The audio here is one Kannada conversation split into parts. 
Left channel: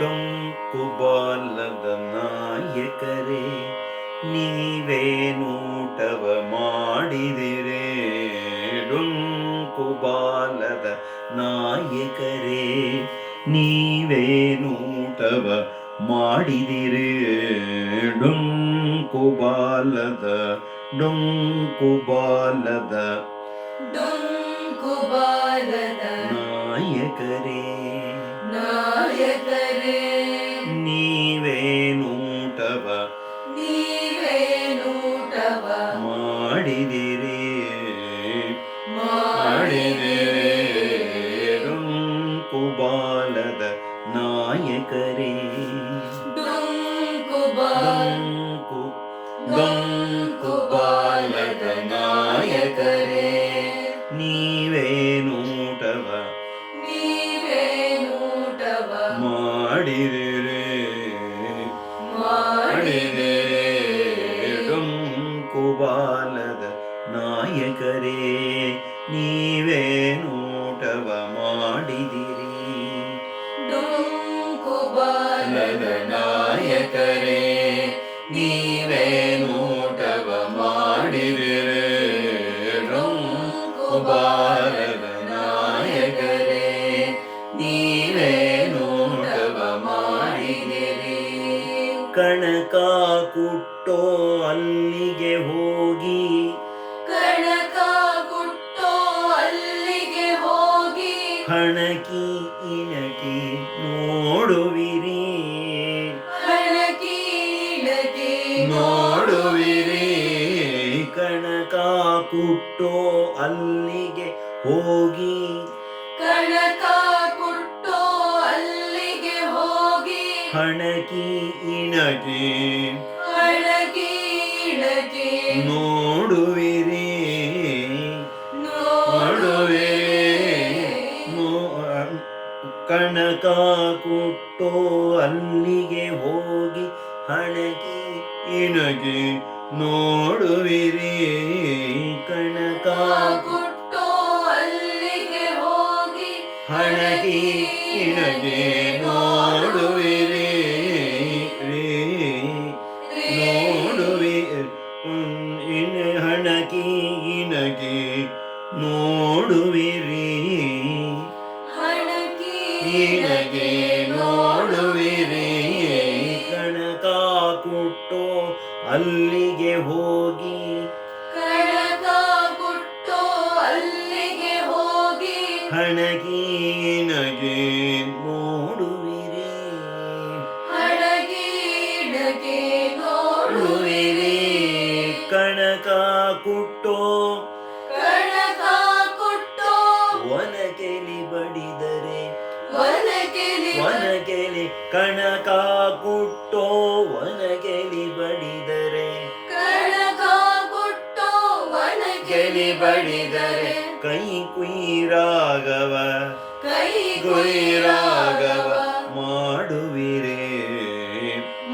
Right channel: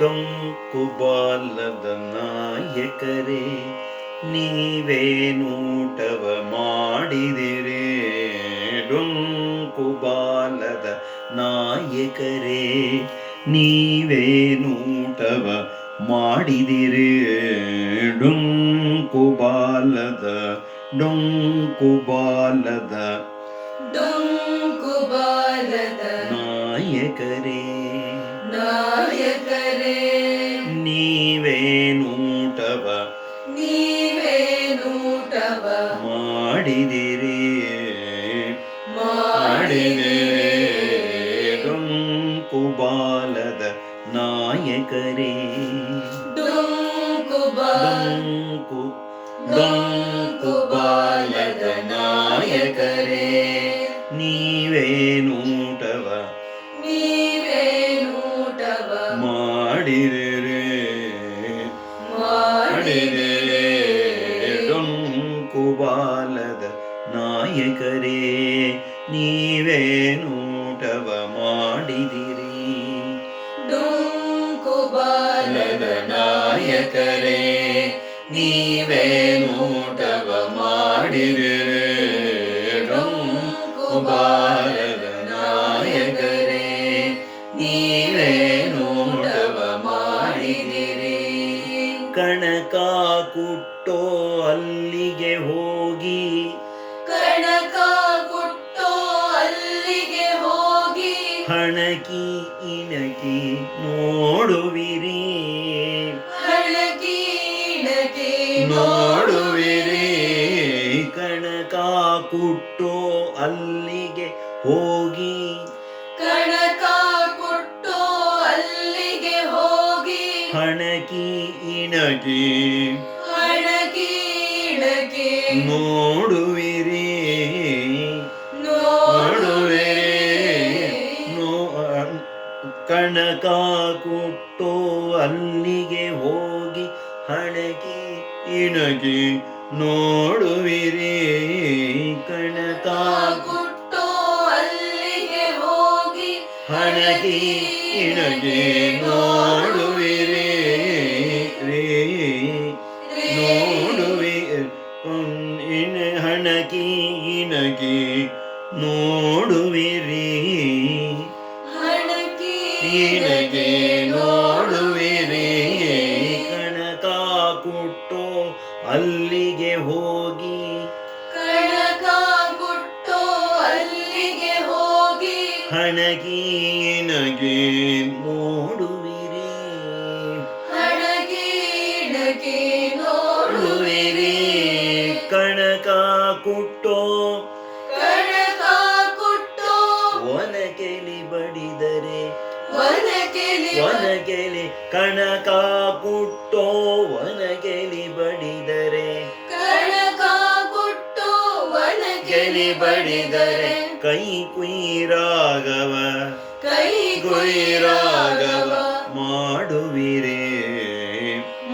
ಡೊಂಕುಬಾಲದ ನಾಯಕರೇ ನೀವೇನೂಟವ ಮಾಡಿದಿರೇ ಡೊಂಕುಬಾಲದ ನಾಯಕರೇ ನೀವೇನೂಟವ ಮಾಡಿದಿರೇ ಡೊಂಕುಬಾಲದ ಡೊಂಕುಬಾಲದ ಡೊಂಕುಬಾಲದ ನಾಯಕರೇ ನಾಯಕರೇ ನೀವೇನೂಟವ ನೀವೇನೂಟವ ಮಾಡಿದಿರಿ ಮಾಡಿದಿರಿ ಡೊಂಕುಬಾಲದ ನಾಯಕರೇ ಡೊಂಕುಬಾಲ ಡೊಂಕು ನಾಯಕರೇ ನೀವೇನೂಟವ ನೋಡುವಿರಿ. ಕಣಕ ಕುಟ್ಟೋ ಅಲ್ಲಿಗೆ ಹೋಗಿ. ಕಣಕ ಕುಟ್ಟೋ ಅಲ್ಲಿಗೆ ಹೋಗಿ. ಹಣಕಿ ಇಣಕಿ. ಹಳಕೀಡಕೆ ನೋಡುವಿರಿ. ನೋಡುವೆ ಕಣಕ ಕುಟ್ಟೋ ಅಲ್ಲಿಗೆ ಹೋಗಿ. ಹಣಕಿ ಇಣಗಿ ನೋಡುವಿರಿ. ಕಣತ ಕುಟ್ಟೋ ಅಲ್ಲಿಗೆ ಹೋಗಿ ಹಣದಿ ಇಣಗಿ ಹೋಗಿ ಹಣಗಿ ಇಣಗಿ ನೋಡುವಿರಿ. ಹಡಗಿಡಕೆ ನೋಡುವಿರಿ. ಕಣಕ ಕುಟ್ಟೋ. ಕಣಕ ಕುಟ್ಟೋ. ಒನಕೆಲಿ ಬಡಿದರೆ. ಒನಕೆಲಿ ಒನಗೆಲಿ ಕಣಕ ಕುಟ್ಟೋ. ಒನಗೆಲಿ ಕುಯಿರಾಗವ. ಕೈ ಕುಯಿರಾಗವ. ರಾಘವ ಮಾಡುವಿರೇ.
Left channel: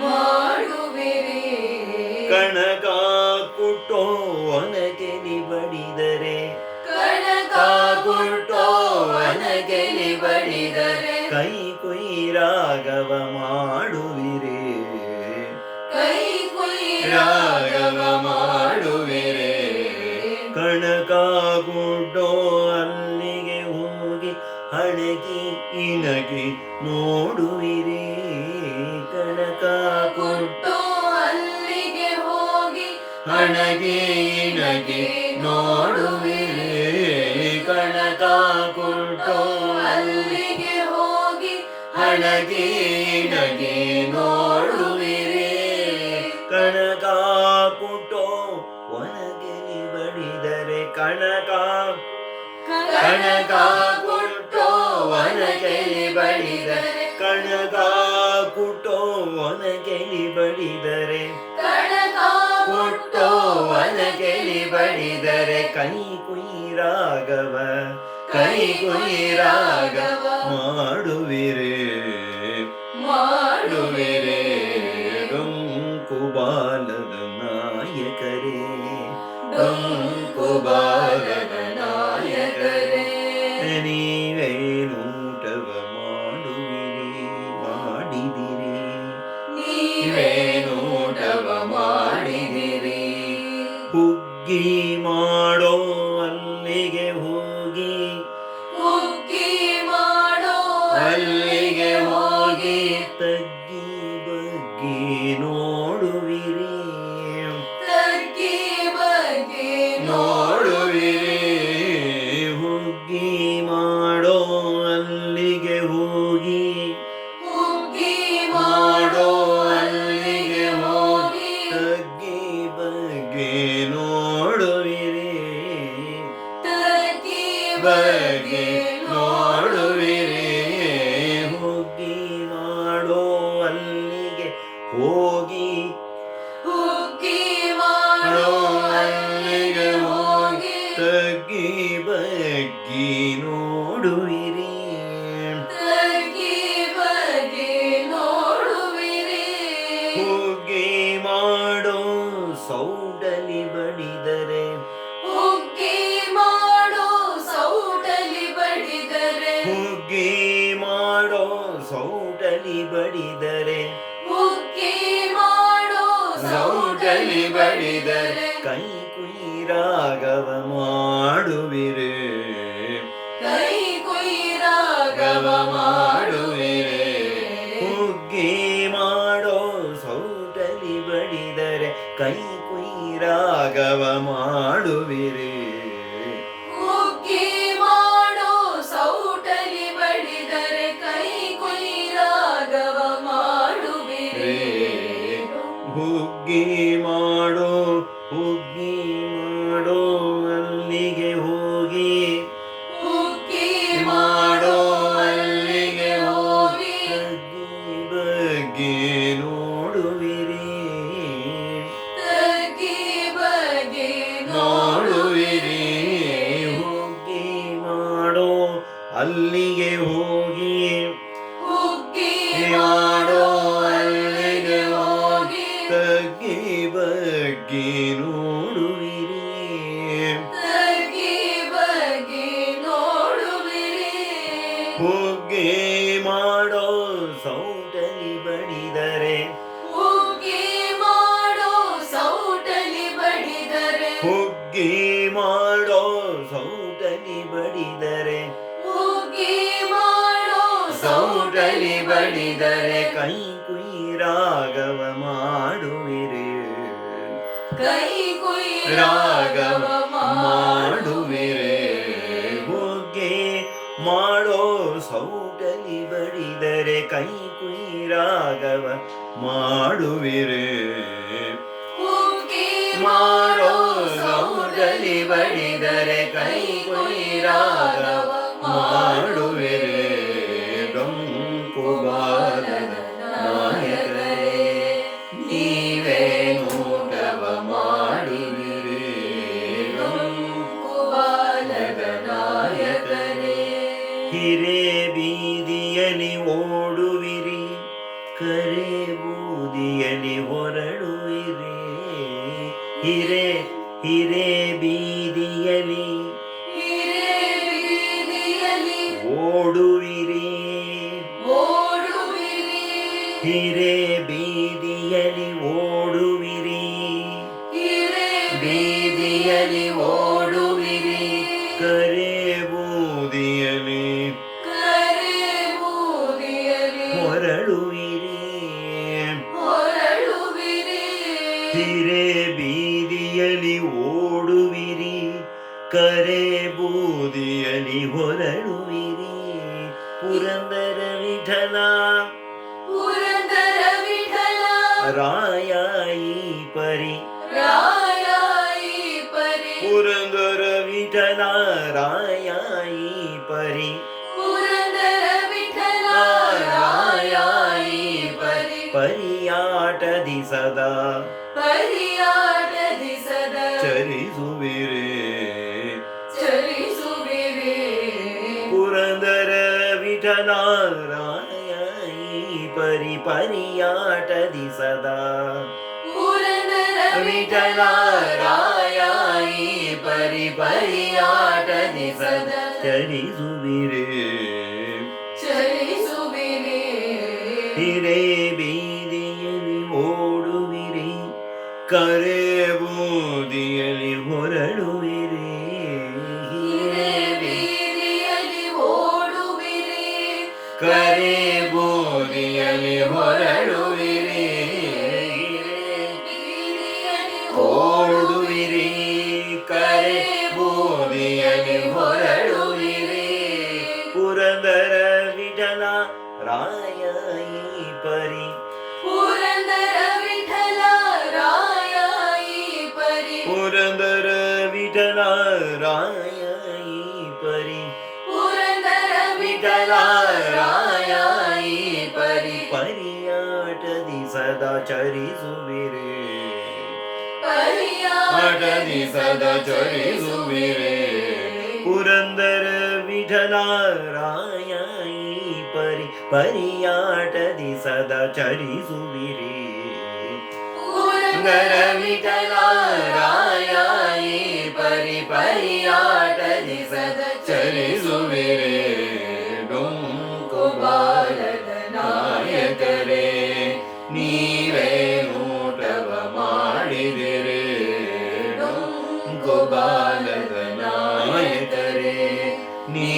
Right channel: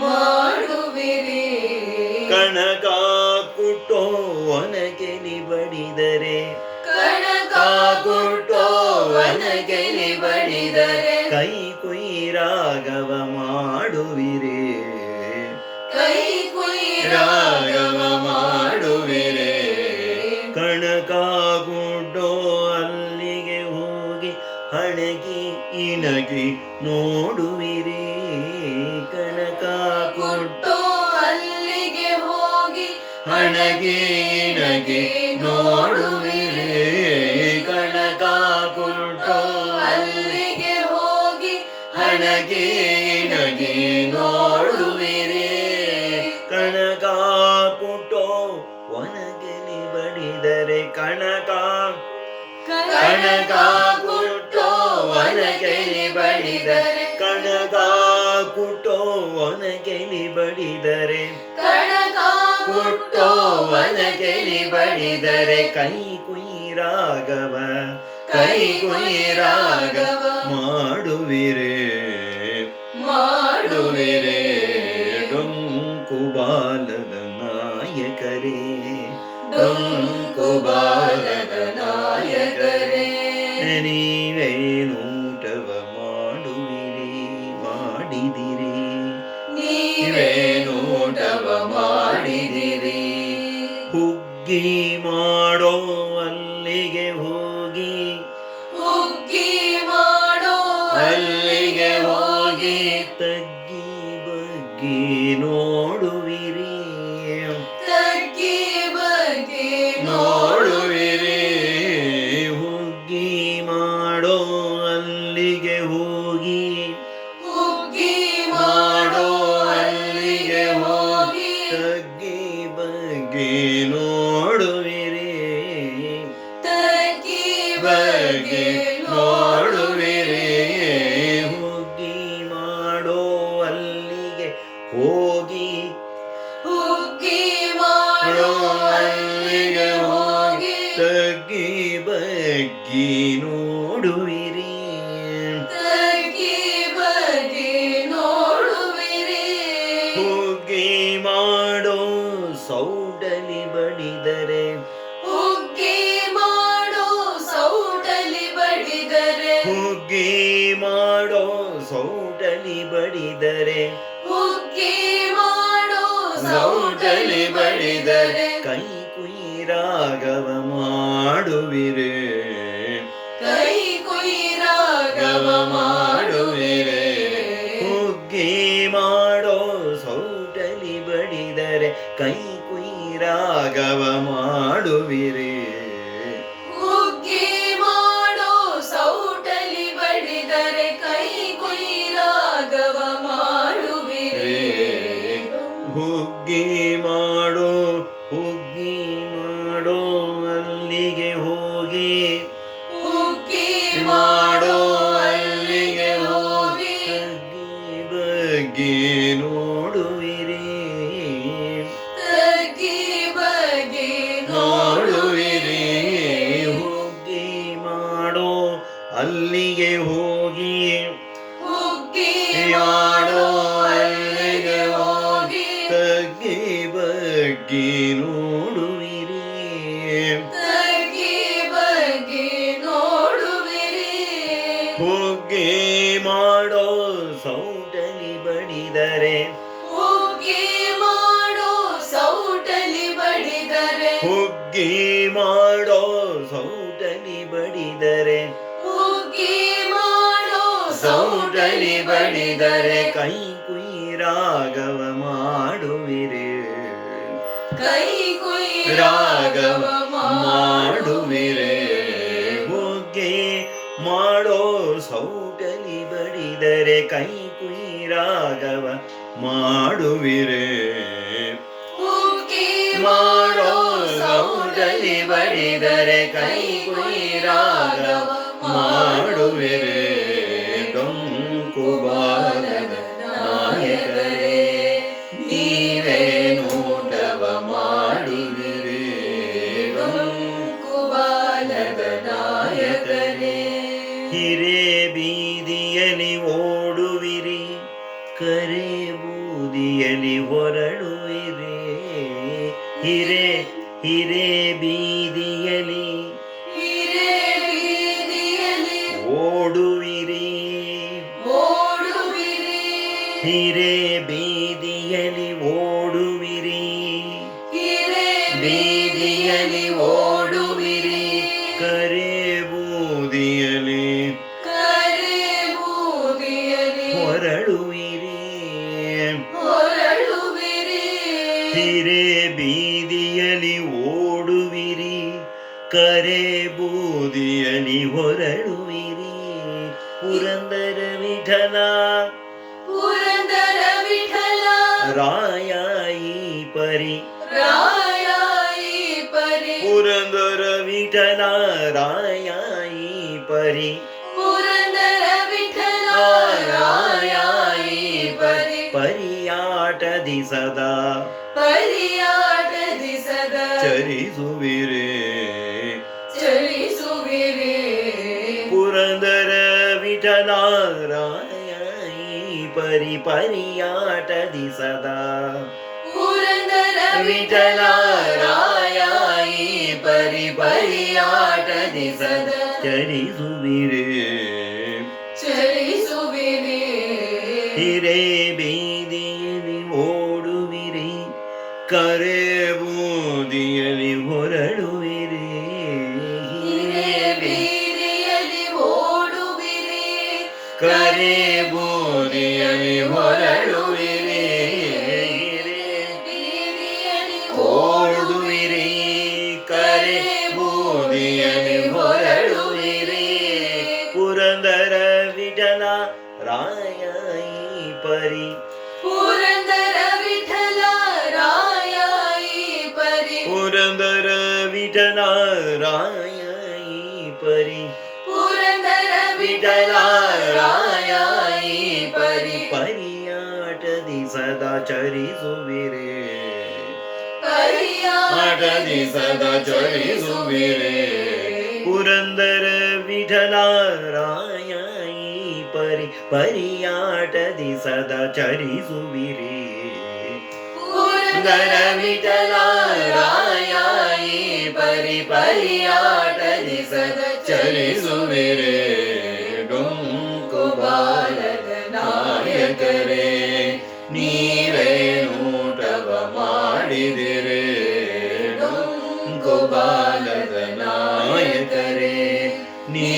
ಮಾಡುವಿರಿ. ಕಣಕ ಕುಟ್ಟೋ ಒನಗೆಲಿ ಬಡಿದರೆ ಕಣಕ ಕುಟ್ಟೋ ಒನಕೆಲಿ ಬಡಿದರೆ ಕೈ ಕುಯಿರಾಗವ ಮಾಡುವಿರೇ ಇಣಗಿ ನೋಡುವಿರಿ, ಕಣಕ ಗುಡ್ಡೋ ಅಲ್ಲಿಗೆ ಹೋಗಿ ಹಣಗಿ ನಗಿ ನೋಡುವಿರಿ, ಕಣಕ ಕುಟ್ಟೋ ಒನಗೆಲಿ ಬಡಿದರೆ ಕಣಕ ಕಣಕ ಕುಟ್ಟೋ ಒನಕೆಲಿ ಬಡಿದರೆ ಕಣಕ ನಿಬಡಿದರೆ ಒನಗೆಲಿ ಬಡಿದರೆ ಕಣಕ ಕುಟ್ಟೋ ಒನಗೆಲಿ ಬಡಿದರೆ ಕೈ ಕುಯಿರಾಗವ ಕೈ ಕುಯಿರಾಗವ ಮಾಡುವಿರೇ ಮಾಡುವಿರೇ ಡೊಂಕುಬಾಲದ ನಾಯಕರೇ ಡೊಂಕುಬಾಲದ ಮಾಡೋ ಅಲ್ಲಿಗೆ ಹೋಗಿ. ಉಕ್ಕಿ ಮಾಡೋ ಅಲ್ಲಿಗೆ ಹೋಗಿ. ತಗ್ಗಿ ಬಗ್ಗಿ ನೋಡುವಿರಿ. ತಗ್ಗಿ ಬಗ್ಗಿ ನೋಡುವಿರಿ. ಮಾಡೋ ಅಲ್ಲಿಗೆ ಹೋಗಿ. ಮಾಡೋ ಸೌಟಲಿ ಬಡಿದರೆ. ಸೌಟಲಿ ಮಾಡೋ ಸೌಟಲಿ ಬಡಿದರೆ. ಕೈ ಕುಯಿರಾಗವ ಮಾಡುವಿರೆ. ಕೈ ಕುಯಿರಾಗವ ಮಾಡುವಿರೆ. ಹುಗ್ಗಿ ಮಾಡೋ ಸೌಟಲಿ ಬಡಿದರೆ ಕೈ ಕುಯಿರಾಗವ ಮಾಡುವಿರೆ. ಬಗ್ಗಿ ನೋಡುವಿರಿ. ತಗ್ಗಿ ಬಗ್ಗೆ ನೋಡುವಿರಿ. ಹೋಗಿ ಮಾಡೋ ಸೌಟಲಿ ಬಡಿದರೆ. ಹೋಗಿ ಮಾಡೋ ಸೌಟಲಿ ಬಡಿದರೆ. ಹೋಗಿ ಮಾಡೋ ಸೌಟಲಿ ಬಡಿದರೆ. ಹೋಗಿ ಮಾಡೋ ಸೌಟಲಿ ಬಡಿದರೆ. ಕೈ ಕುಯಿರಾಗವ ಮಾಡುವಿರಿ. ಕೈ ರಾಗವ ರಾಗವ ಮಾಡುವಿರೆ ಹೋಗೆ ಮಾಡೋ ಸೌಟಲಿ ಬಡಿದರೆ ಕೈ ಕುಯಿರಾಗವ ಮಾಡುವಿರೆ ಮಾಡೋ ಸೌಟಲಿ ಬಡಿದರೆ ಕೈ ಕುಯಿರಾಗವ ಮಾಡುವಿರೆ ಹಿರೇ ಬೀದಿಯಲ್ಲಿ ಓಡುವಿರಿ ಕರೆ ಬೂದಿಯಲ್ಲಿ ಹೊರಡುವಿರಿ. ಹಿರೇ ಹಿರೇ ಬೀದಿಯಲ್ಲಿ ಓಡುವಿರಿ. ಹಿರೇ ಬೀದಿಯಲ್ಲಿ ಓಡುವಿರಿ. ಹಿರೇ ಬೀದಿಯಲ್ಲಿ ಬೂದಿಯಲ್ಲಿ ಹೊರಡುವಿರಿ ಪುರಂದರ ವಿಠಲ ಪುರಂದರ ವಿಠಲ ರಾಯ ಈ ಪರಿ ರಾಯ ಈ ಪರಿ ಪುರಂದರ ವಿಠಲ ರಾಯ ಈ ಪರಿ ಪುರಂದರ ವಿಠಲ ರಾಯ ಈ ಪರಿ ಪರಿಯಾಟದಿ ಸದಾ ಪರಿಯಾಟದಿ ಸದಾ ಚರಿಸುವಿರೇ ಈ ಪರಿ ಪರಿಯಾಟದಿ ಸದಾ ಪುರಂದರ ವಿಠಲ ರಾಯ ಈ ಪರಿ ಪರಿಯಾಟದಿ ಸದಾ ಚರಿಸುವಿರೇ ராயாயி பரி புரந்தர விட்டலாராயாயி பரி பரியாட்டதி சதா சரி சுவிரே பரியாட்டதி சதா சரி சுவிரே புரந்தர விட்டலாராயாயி பரி பரியாட்டதி சதா சரி சுவிரே புரந்தர விட்டலாராய ಪರಿಯಾಟದಿ ಸದ ಚಲಿಸುವಿರೇ ಕುಬಾಲದ ನಾಯಕರೇ ನೀವೇ ನೂಟವ ಮಾಡಿದಿರೇ ಕುಬಾಲದ ನಾಯಕರೇ ನೀ